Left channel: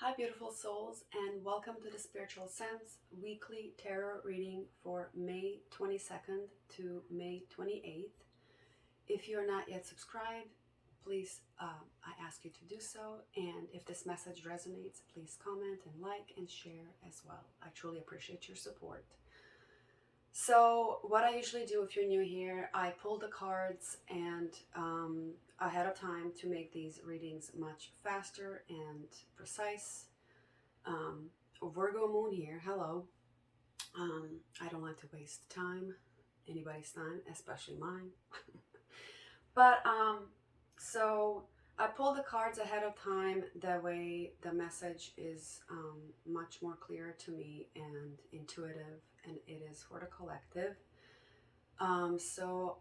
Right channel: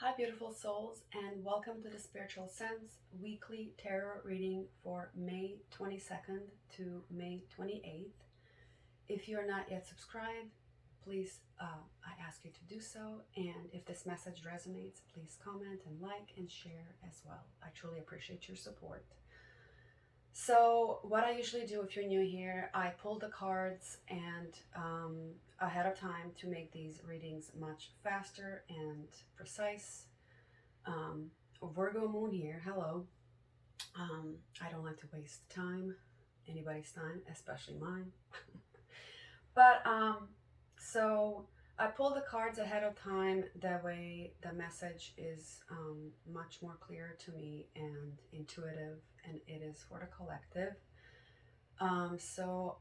Hi, beautiful souls, and welcome to the Spiritual Sense weekly tarot reading for May 22nd to May 28th. If you're not yet subscribed, please, I ask you to do so. And if this message resonates, please comment and like and share as well. I truly appreciate your support. So, what I usually do if you're new here, I pull the cards and ahead of time to make these readings much faster and precise. um, Virgo moon here. Hello. I don't like to waste time, anybody's time, especially mine. But so I pull the cards ahead of time. That way, the message is much more clear to me and intuitive, and it is for the collective. So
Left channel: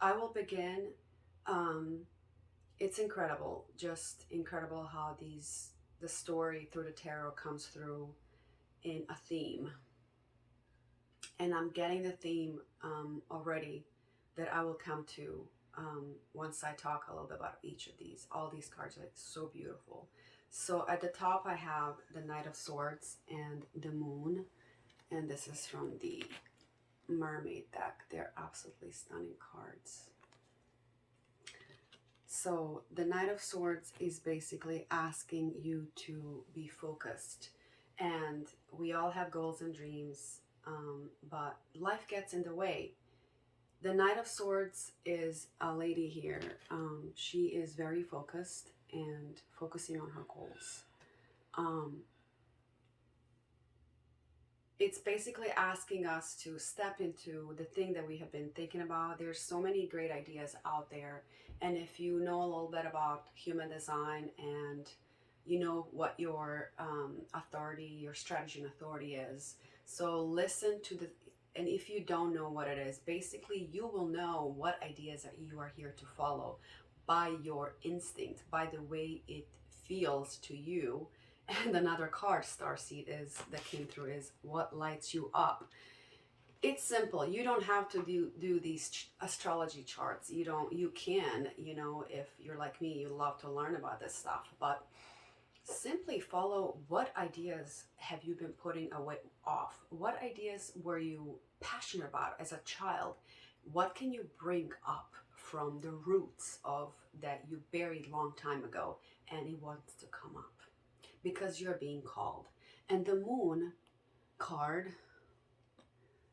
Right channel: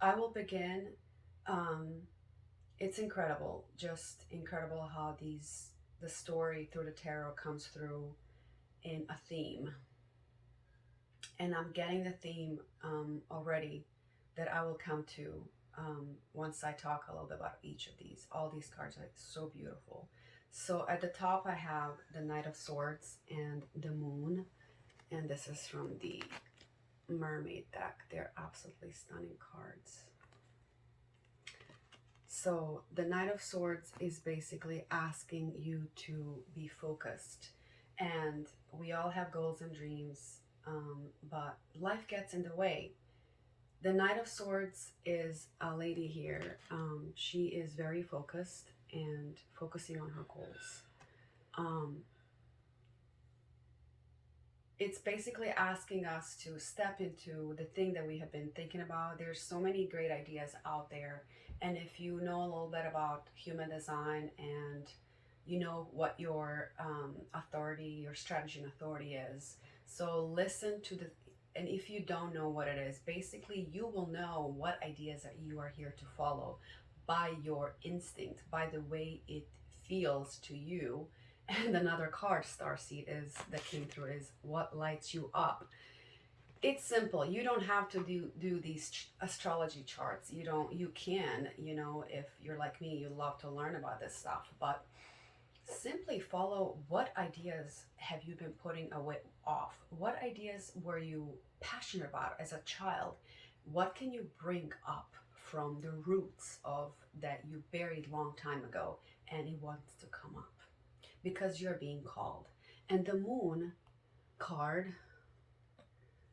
I will begin. Um, it's incredible, just incredible how the story through the tarot comes through in a theme. And I'm getting the theme already that I will come to once I talk a little bit about each of these. All these cards are so beautiful. So at the top, I have the Knight of Swords and the Moon. And this is from the Mermaid deck. They're absolutely stunning cards. So the Knight of Swords is basically asking you to be focused. And we all have goals and dreams, but life gets in the way. The Knight of Swords is a lady here. She is very focused and focusing on her goals. It's basically asking us to step into the thing that we have been thinking about. There's so many great ideas out there. And if you know a little bit about human design and you know what your authority, your strategy and authority is. So listen to and if you don't know what it is, basically you will know what ideas that you are here to follow by your instinct, by the way it feels to you. And another card, Starseed, is that came through is what lights you up. It's simple. You don't have to do these astrology charts. You can, if you're like me, you love to learn about this stuff, but simply follow what ideas have you been putting away off? What ideas were you passionate about as a child? What can you bring up from the roots of that you buried long time ago and it wants to come up? Because you're being called. And the Moon card,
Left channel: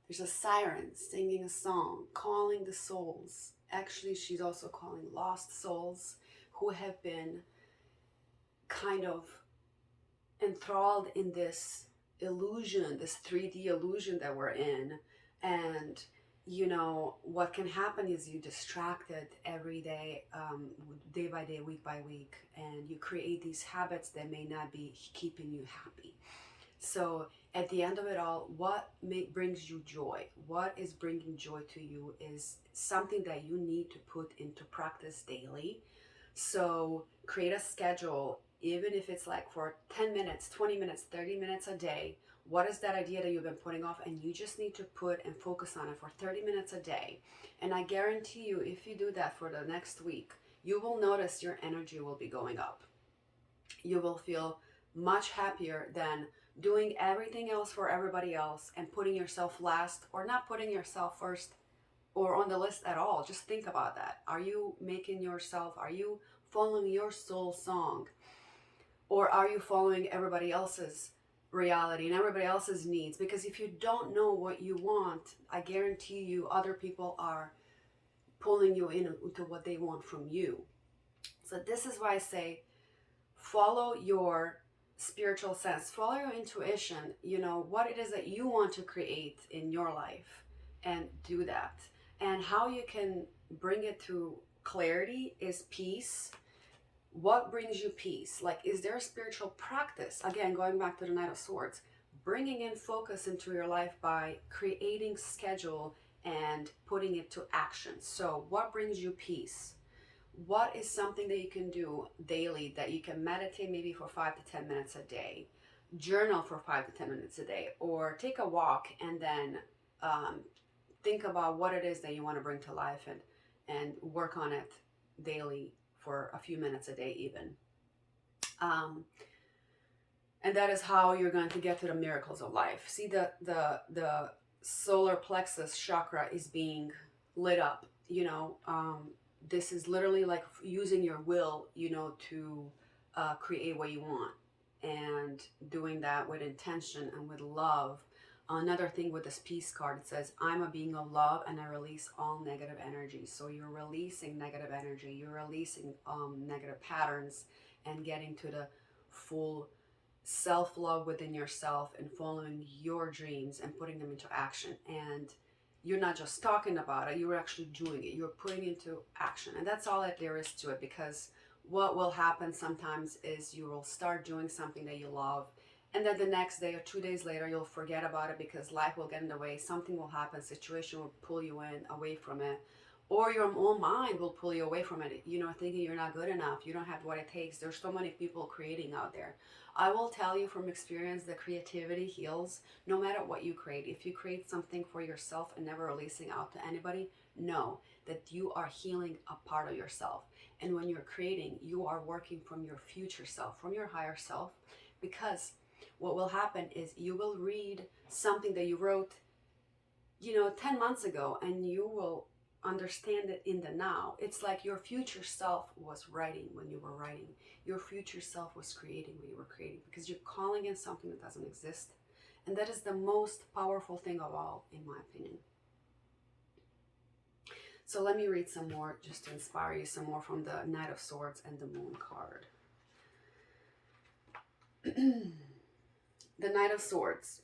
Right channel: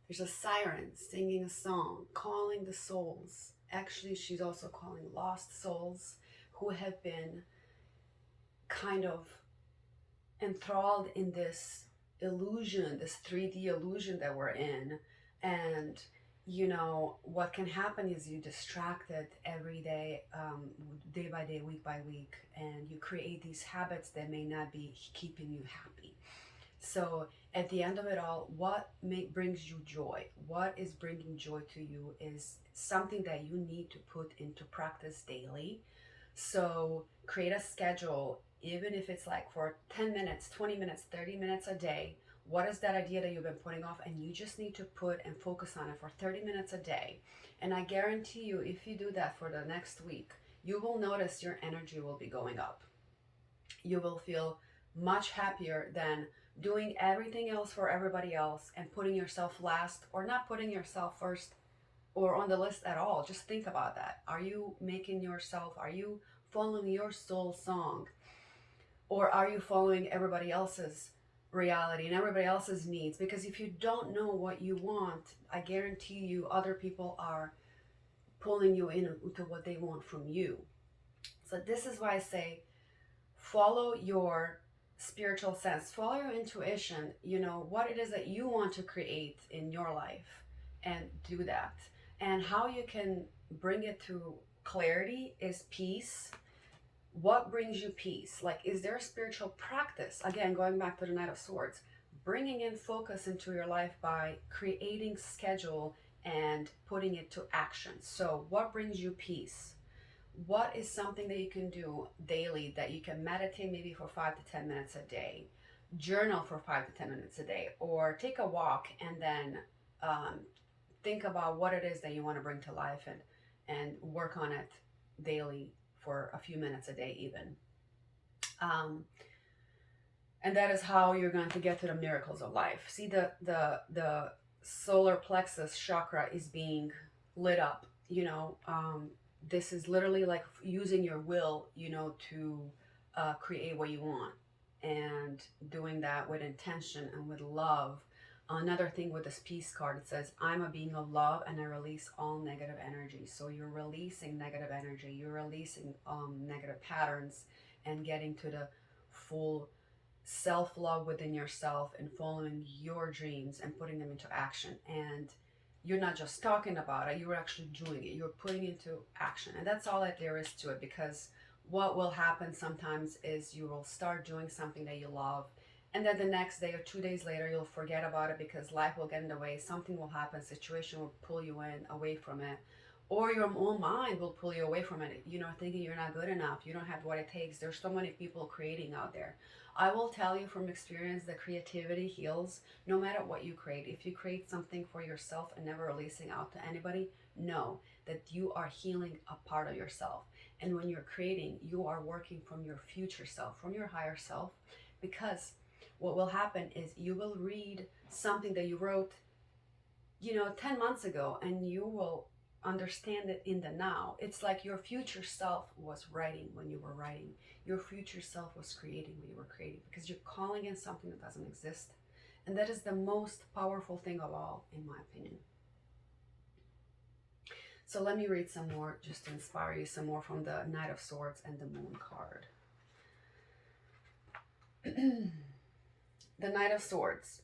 there's a siren singing a song, calling the souls. Actually, she's also calling lost souls who have been kind of enthralled in this illusion, this 3D illusion that we're in. And what can happen is you distracted every day, day by day, week by week, and you create these habits that may not be keeping you happy. So at the end of it all, what brings you joy? What is bringing joy to you is something that you need to put into practice daily. So create a schedule, even if it's like for 10 minutes, 20 minutes, 30 minutes a day. What is that idea that you've been putting off? And you just need to put and focus on it for 30 minutes a day. And I guarantee you, if you do that for the next week, you will notice your energy will be going up. You will feel much happier than doing everything else for everybody else and putting yourself last or not putting yourself first or on the list at all. Just think about that. Are you following your soul song? Or are you following everybody else's reality and everybody else's needs? Because if you don't know what you want, I guarantee you other people are pulling you into what they want from you. So this is why I say follow your spiritual sense, follow your intuition, what it is that you want to create in your life, and do that. And how you can bring it to clarity is peace. What brings you peace? Like, is there a spiritual practice? Again, going back to the Knight of Swords, bringing in focus into your life by creating schedule and putting it to action. So what brings you peace? What is something that you can do daily, that you can meditate maybe for 5 to 10 minutes a day, journal for 5 to 10 minutes a day, or take a walk and then think about what it is that you want to bring to life and work on it daily for a few minutes a day even. And that is how you're going to get to the miracles of life. See, the solar plexus chakra is being lit up. This is literally like using your will, to create what you want, and doing that with intention and with love. Another thing with this peace card, it says, I'm a being of love and I release all negative energy. So you're releasing negative energy, you're releasing negative patterns, and getting to the full self-love within yourself and following your dreams and putting them into action. And you're not just talking about it, you're actually doing it, you're putting it into action. And that's all that there is to it, because what will happen sometimes is you will start doing something that you love, and then the next day or 2 days later you'll forget about it because life will get in the way, something will happen, situation will pull you in away from it, or your own mind will pull you away from it, thinking you're not good enough, you don't have what it takes. There's so many people creating out there. I will tell you from experience that creativity heals no matter what you create. If you create something for yourself and never releasing out to anybody, know that you are healing a part of yourself. And when you're creating, you are working from your future self, from your higher self, because what will happen is you will read something that you wrote, 10 months ago, and you will understand it in the now. It's like your future self was writing when you were writing. Your future self was creating when you were creating, because you're calling in something that doesn't exist. And that is the most powerful thing of all, in my opinion. So let me read some more just to inspire you some more from the Knight of Swords and the Moon card. The Knight of Swords.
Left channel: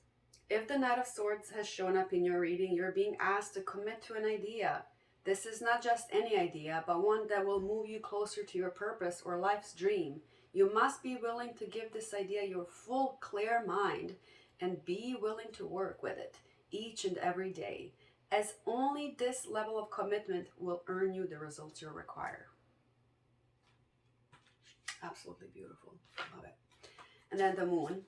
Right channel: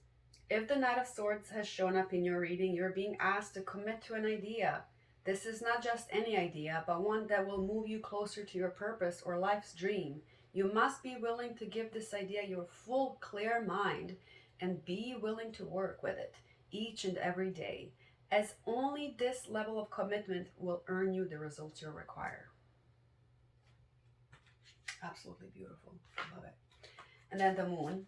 If the Knight of Swords has shown up in your reading, you're being asked to commit to an idea. This is not just any idea, but one that will move you closer to your purpose or life's dream. You must be willing to give this idea your full, clear mind and be willing to work with it each and every day, as only this level of commitment will earn you the results you require. Absolutely beautiful. Love it. And then the Moon.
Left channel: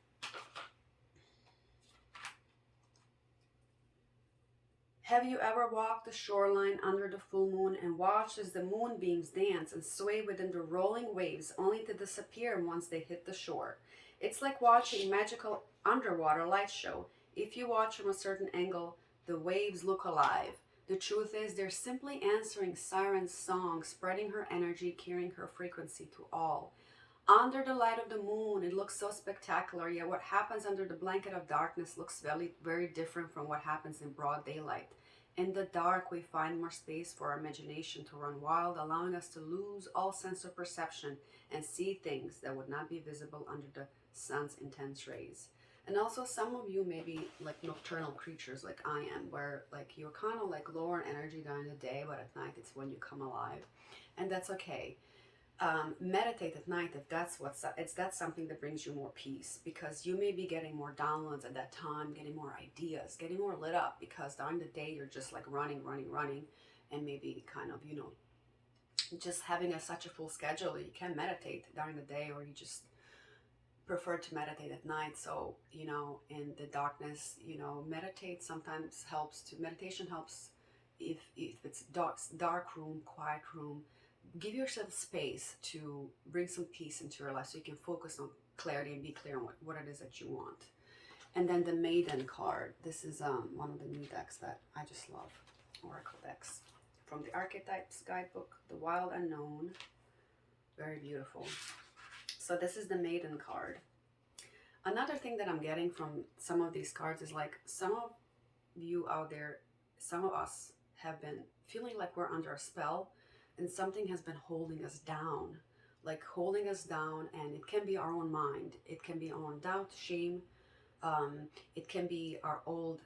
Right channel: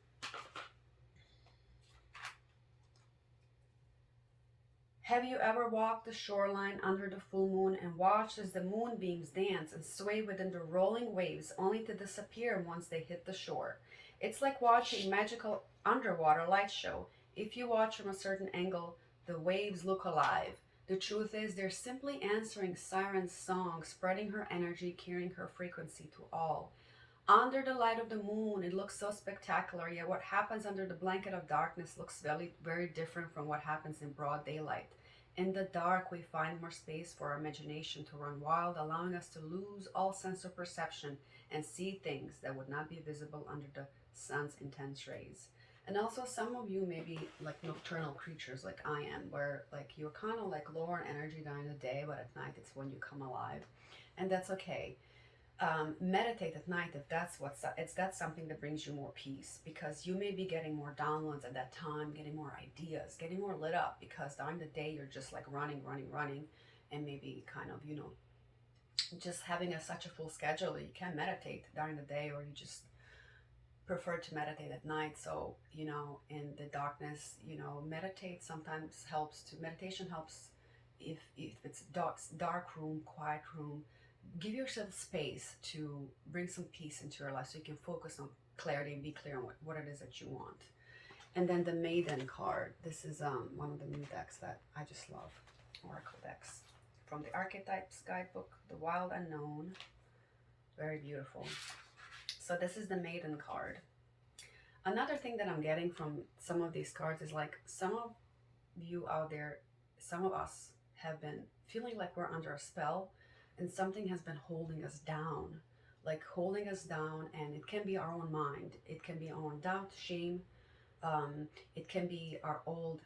Have you ever walked the shoreline under the full moon and watched as the moonbeams dance and sway within the rolling waves, only to disappear once they hit the shore? It's like watching a magical underwater light show. If you watch from a certain angle, the waves look alive. The truth is, they're simply answering Siren's song, spreading her energy, carrying her frequency to all. Under the light of the moon, it looks so spectacular, yet what happens under the blanket of darkness looks very, very different from what happens in broad daylight. In the dark, we find more space for our imagination to run wild, allowing us to lose all sense of perception and see things that would not be visible under the sun's intense rays. And also, some of you may be like nocturnal creatures like I am, where like you're kind of like lower in energy during the day, but at night it's when you come alive. And that's okay. Meditate at night if that's something that brings you more peace, because you may be getting more downloads at that time, getting more ideas, getting more lit up, because during the day you're just like running, and maybe kind of just having such a full schedule that you can't meditate during the day, or you just prefer to meditate at night. So in the darkness, meditate sometimes helps. To meditation helps if it's dark room, quiet room. Give yourself space to bring some peace into your life so you can focus on clarity and be clear on what it is that you want. And then the Maiden card. This is one of the new decks that I just love. Oracle decks from the Archetypes Guidebook, The Wild Unknown. Very beautiful. So this is the Maiden card. Another thing that I'm getting from some of these cards is like some of you out there, some of us have been feeling like we're under a spell, and something has been holding us down, and it can be our own mind, it can be our own doubt, shame, it can be our old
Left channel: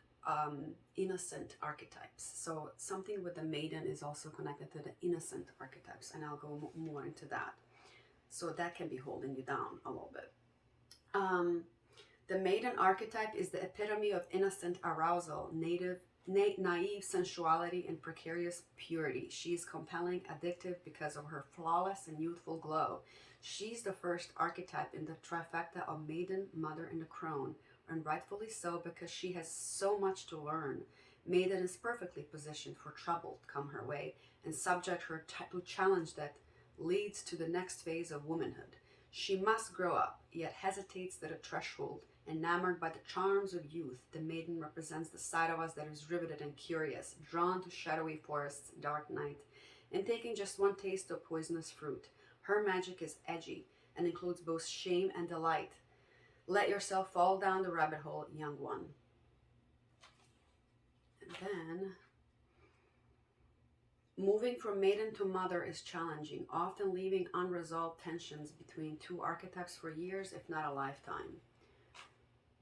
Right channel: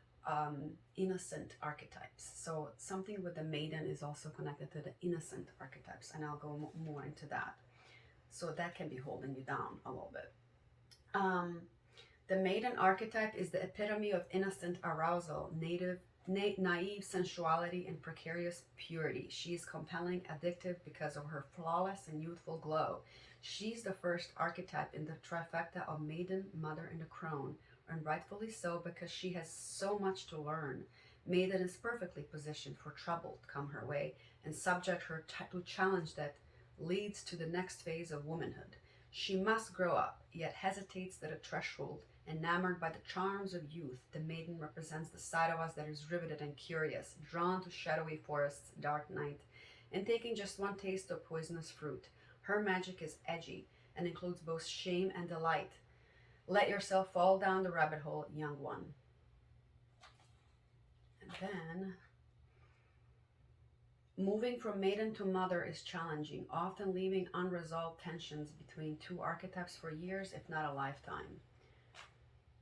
innocent archetypes. So something with the Maiden is also connected to the innocent archetypes, and I'll go more into that. So that can be holding you down a little bit. The Maiden archetype is the epitome of innocent arousal, naive sensuality, and precarious purity. She is compelling, addictive because of her flawless and youthful glow. She's the first archetype in the trifecta of Maiden, Mother, and the Crone, and rightfully so, because she has so much to learn. Maiden is perfectly positioned for trouble to come her way and subject her to challenge that leads to the next phase of womanhood. She must grow up, yet hesitates at a threshold. Enamored by the charms of youth, the maiden represents the side of us that is riveted and curious, drawn to shadowy forests, dark night, and taking just one taste of poisonous fruit. Her magic is edgy and includes both shame and delight. Let yourself fall down the rabbit hole, young one. And then, moving from maiden to mother is challenging, often leaving unresolved tensions between two archetypes for years, if not a lifetime.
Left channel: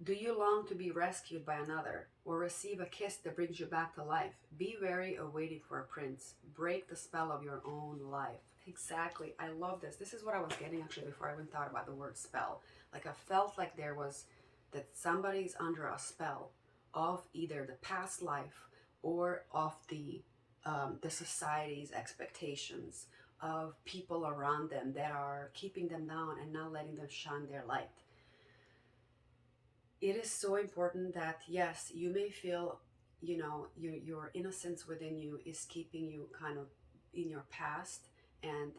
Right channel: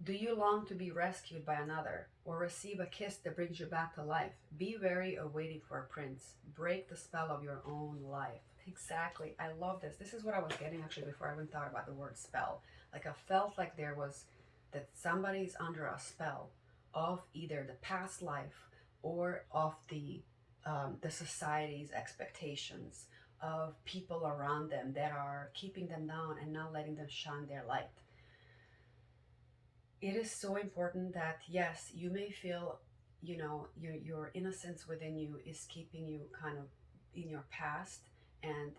Do you long to be rescued by another, or receive a kiss that brings you back to life? Be wary of waiting for a prince. Break the spell of your own life. Exactly. I love this. This is what I was getting actually before I even thought about the word spell. Like I felt like there was that somebody's under a spell of either the past life or of the society's expectations of people around them that are keeping them down and not letting them shine their light. It is so important that yes, you may feel, your innocence within you is keeping you kind of in your past, and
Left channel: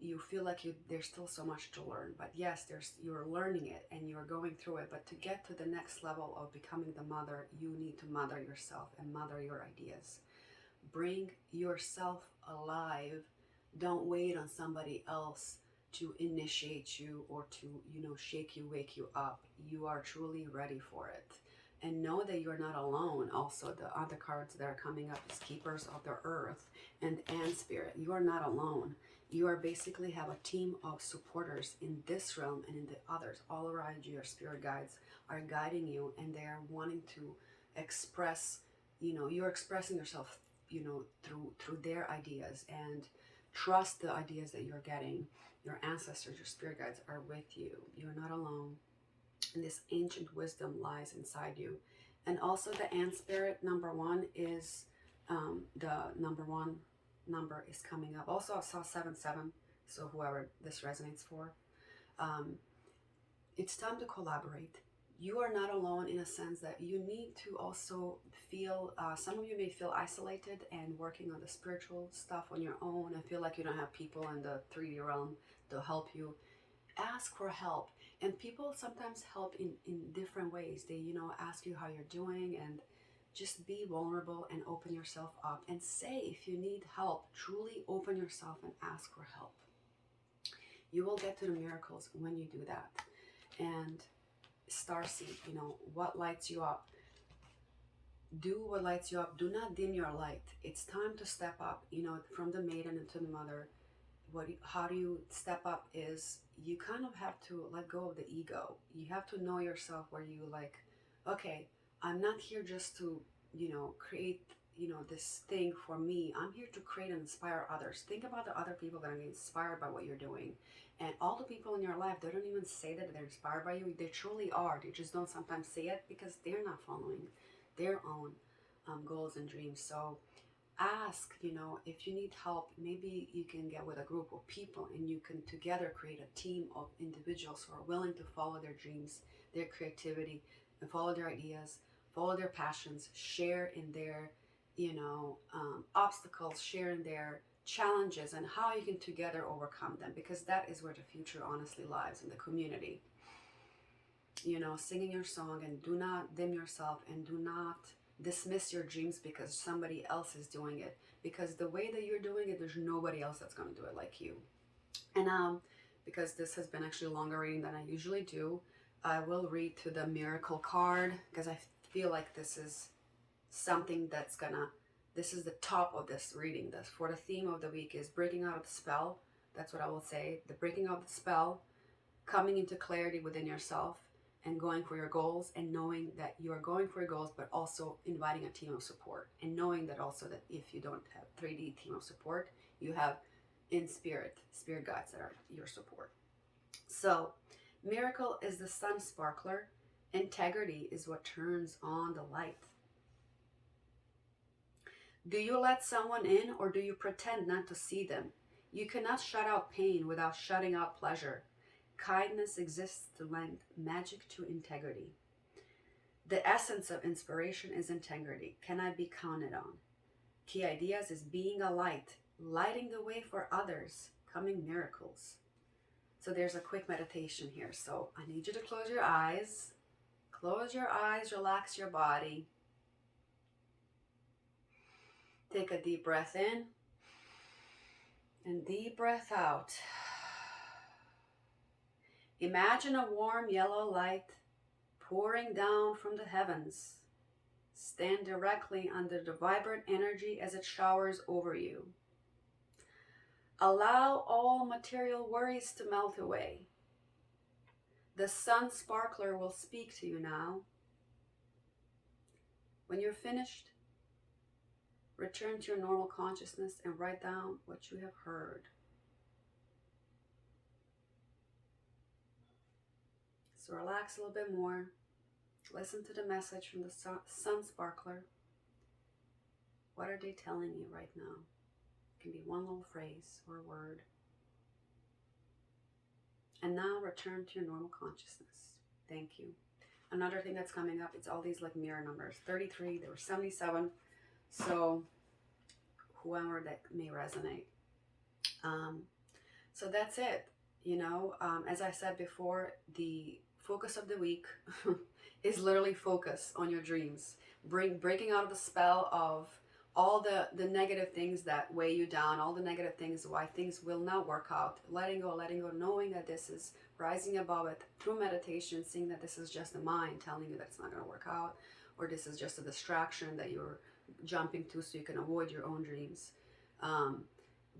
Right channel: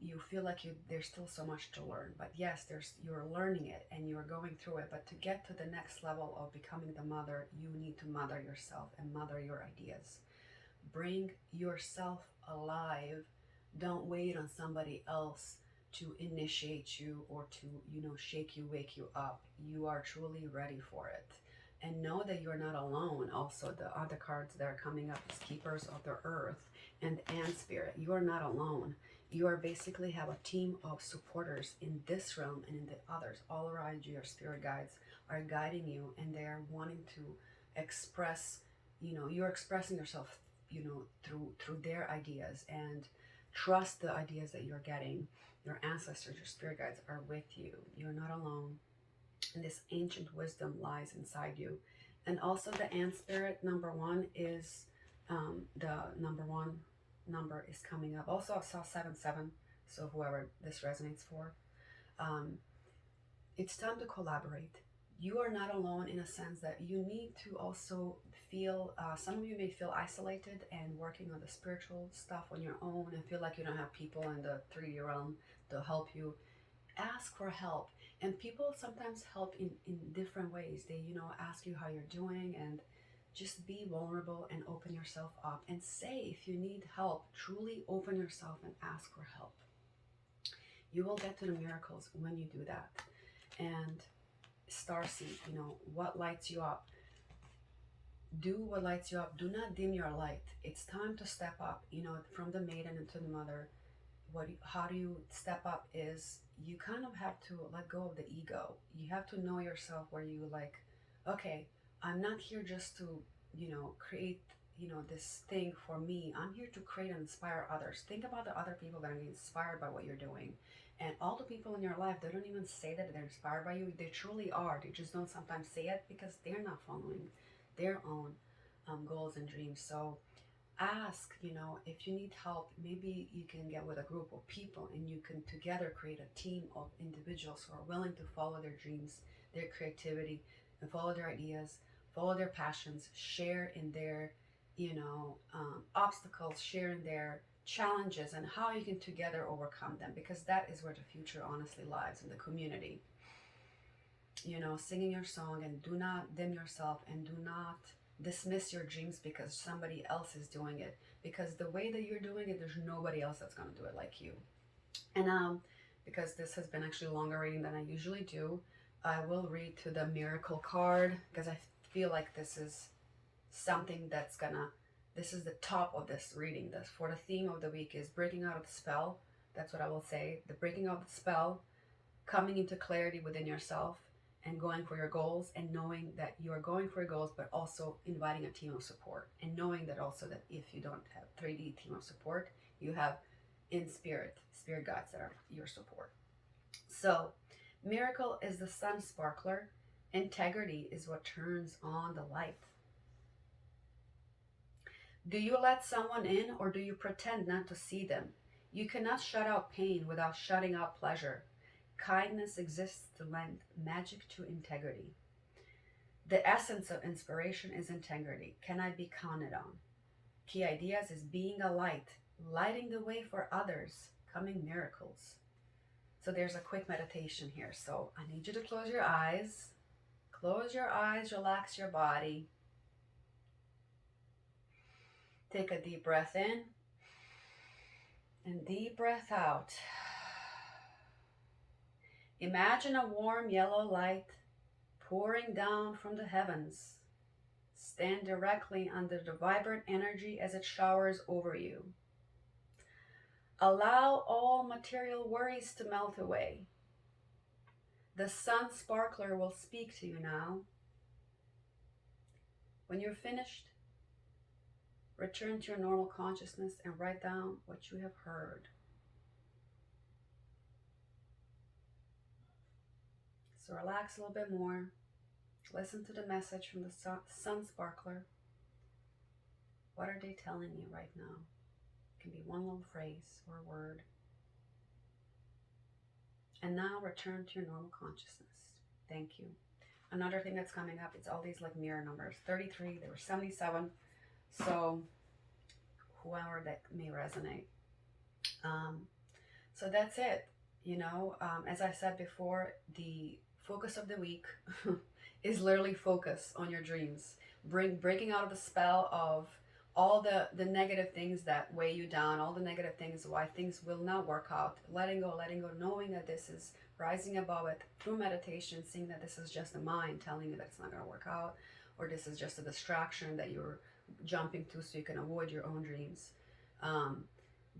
you feel like there's still so much to learn. But yes, you're learning it and you're going through it. But to get to the next level of becoming the mother, you need to mother yourself and mother your ideas. Bring yourself alive. Don't wait on somebody else to initiate you or to, shake you, wake you up. You are truly ready for it. And know that you're not alone. Also, the other cards that are coming up is Keepers of the Earth and Spirit. You are not alone. You are basically have a team of supporters in this realm and in the others. All around you, your spirit guides are guiding you, and they are wanting to express, you're expressing yourself, through their ideas, and trust the ideas that you're getting. Your ancestors, your spirit guides are with you. You're not alone. And this ancient wisdom lies inside you. And also the ant spirit number one is the number one number is coming up. Also I saw 77. So whoever this resonates for, it's time to collaborate. You are not alone in a sense that you need to also feel, some of you may feel isolated and working on the spiritual stuff on your own and feel like you don't have people in the 3D realm to help you. Ask for help. And people sometimes help in different ways. They, ask you how you're doing, and just be vulnerable and open yourself up and say if you need help. Truly open yourself and ask for help. You will get to the miracles when you do that. And starseed, what lights you up. Do what lights you up. Do not dim your light. It's time to step up, from the maiden into the mother. How do you step up is you kind of have to let go of the ego. You have to know yourself, where you like, okay, I'm not here just to, create, this thing for me. I'm here to create and inspire others. Think about the other people that are getting inspired by what you're doing. And all the people in your life, they don't even say that they're inspired by you. They truly are. They just don't sometimes say it because they're not following their own goals and dreams. So ask, if you need help. Maybe you can get with a group of people and you can together create a team of individuals who are willing to follow their dreams, their creativity, and follow their ideas, follow their passions, share in their, obstacles, share in their challenges, and how you can together overcome them, because that is where the future honestly lies, in the community. Singing your song, and do not dim yourself, and do not dismiss your dreams because somebody else is doing it, because the way that you're doing it, there's nobody else that's going to do it like you. And because this has been actually a longer reading than I usually do, I will read to the miracle card, because I feel like this is something this is the top of this reading. This for the theme of the week is breaking out of the spell. That's what I will say. The breaking out of the spell, coming into clarity within yourself, and going for your goals, and knowing that you are going for your goals, but also inviting a team of support, and knowing that also that if you don't have 3D team of support, you have in spirit guides that are your support. So miracle is the sun sparkler. Integrity is what turns on the light. Do you let someone in, or do you pretend not to see them? You cannot shut out pain without shutting out pleasure. Kindness exists to lend magic to integrity. The essence of inspiration is integrity. Can I be counted on? Key ideas is being a light, lighting the way for others, coming miracles. So there's a quick meditation here. So I need you to close your eyes. Close your eyes, relax your body. Take a deep breath in and deep breath out. Imagine a warm yellow light pouring down from the heavens. Stand directly under the vibrant energy as it showers over you. Allow all material worries to melt away. The sun sparkler will speak to you now. When you're finished, return to your normal consciousness and write down what you have heard. So relax a little bit more. Listen to the message from the sun sparkler. What are they telling you right now? It can be one little phrase or a word. And now return to your normal consciousness. Thank you. Another thing that's coming up, it's all these like mirror numbers. 33, there were 77. So whoever that may resonate. So that's it. As I said before, the focus of the week is literally focus on your dreams. Breaking out of the spell of all the negative things that weigh you down, all the negative things, why things will not work out. Letting go, knowing that this is rising above it through meditation, seeing that this is just the mind telling you that it's not going to work out, or this is just a distraction that you're jumping to so you can avoid your own dreams.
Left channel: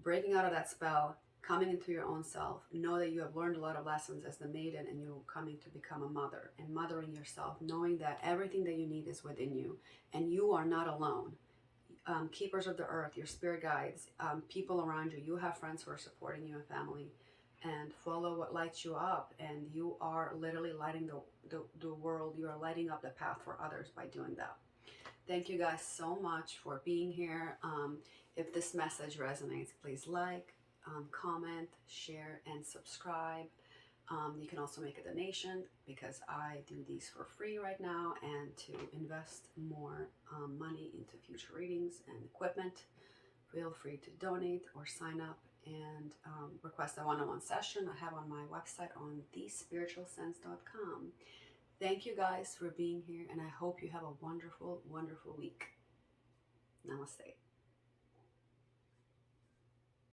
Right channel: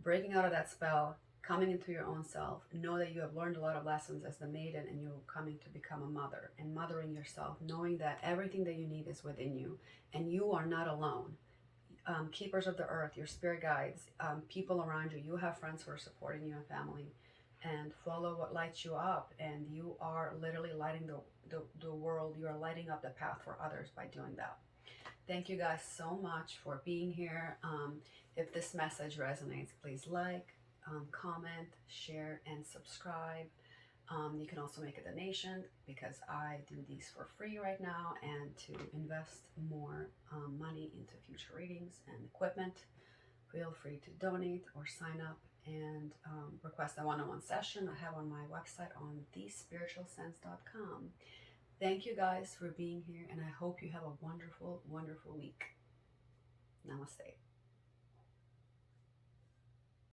Breaking out of that spell, coming into your own self. Know that you have learned a lot of lessons as the maiden, and you're coming to become a mother, and mothering yourself, knowing that everything that you need is within you and you are not alone. Keepers of the earth, your spirit guides, people around you. You have friends who are supporting you and family, and follow what lights you up. And you are literally lighting the world. You are lighting up the path for others by doing that. Thank you guys so much for being here. If this message resonates, please like, comment, share, and subscribe. You can also make a donation because I do these for free right now, and to invest more money into future readings and equipment, feel free to donate or sign up and request a one-on-one session I have on my website on thespiritualsense.com. Thank you guys for being here, and I hope you have a wonderful, wonderful week. Namaste.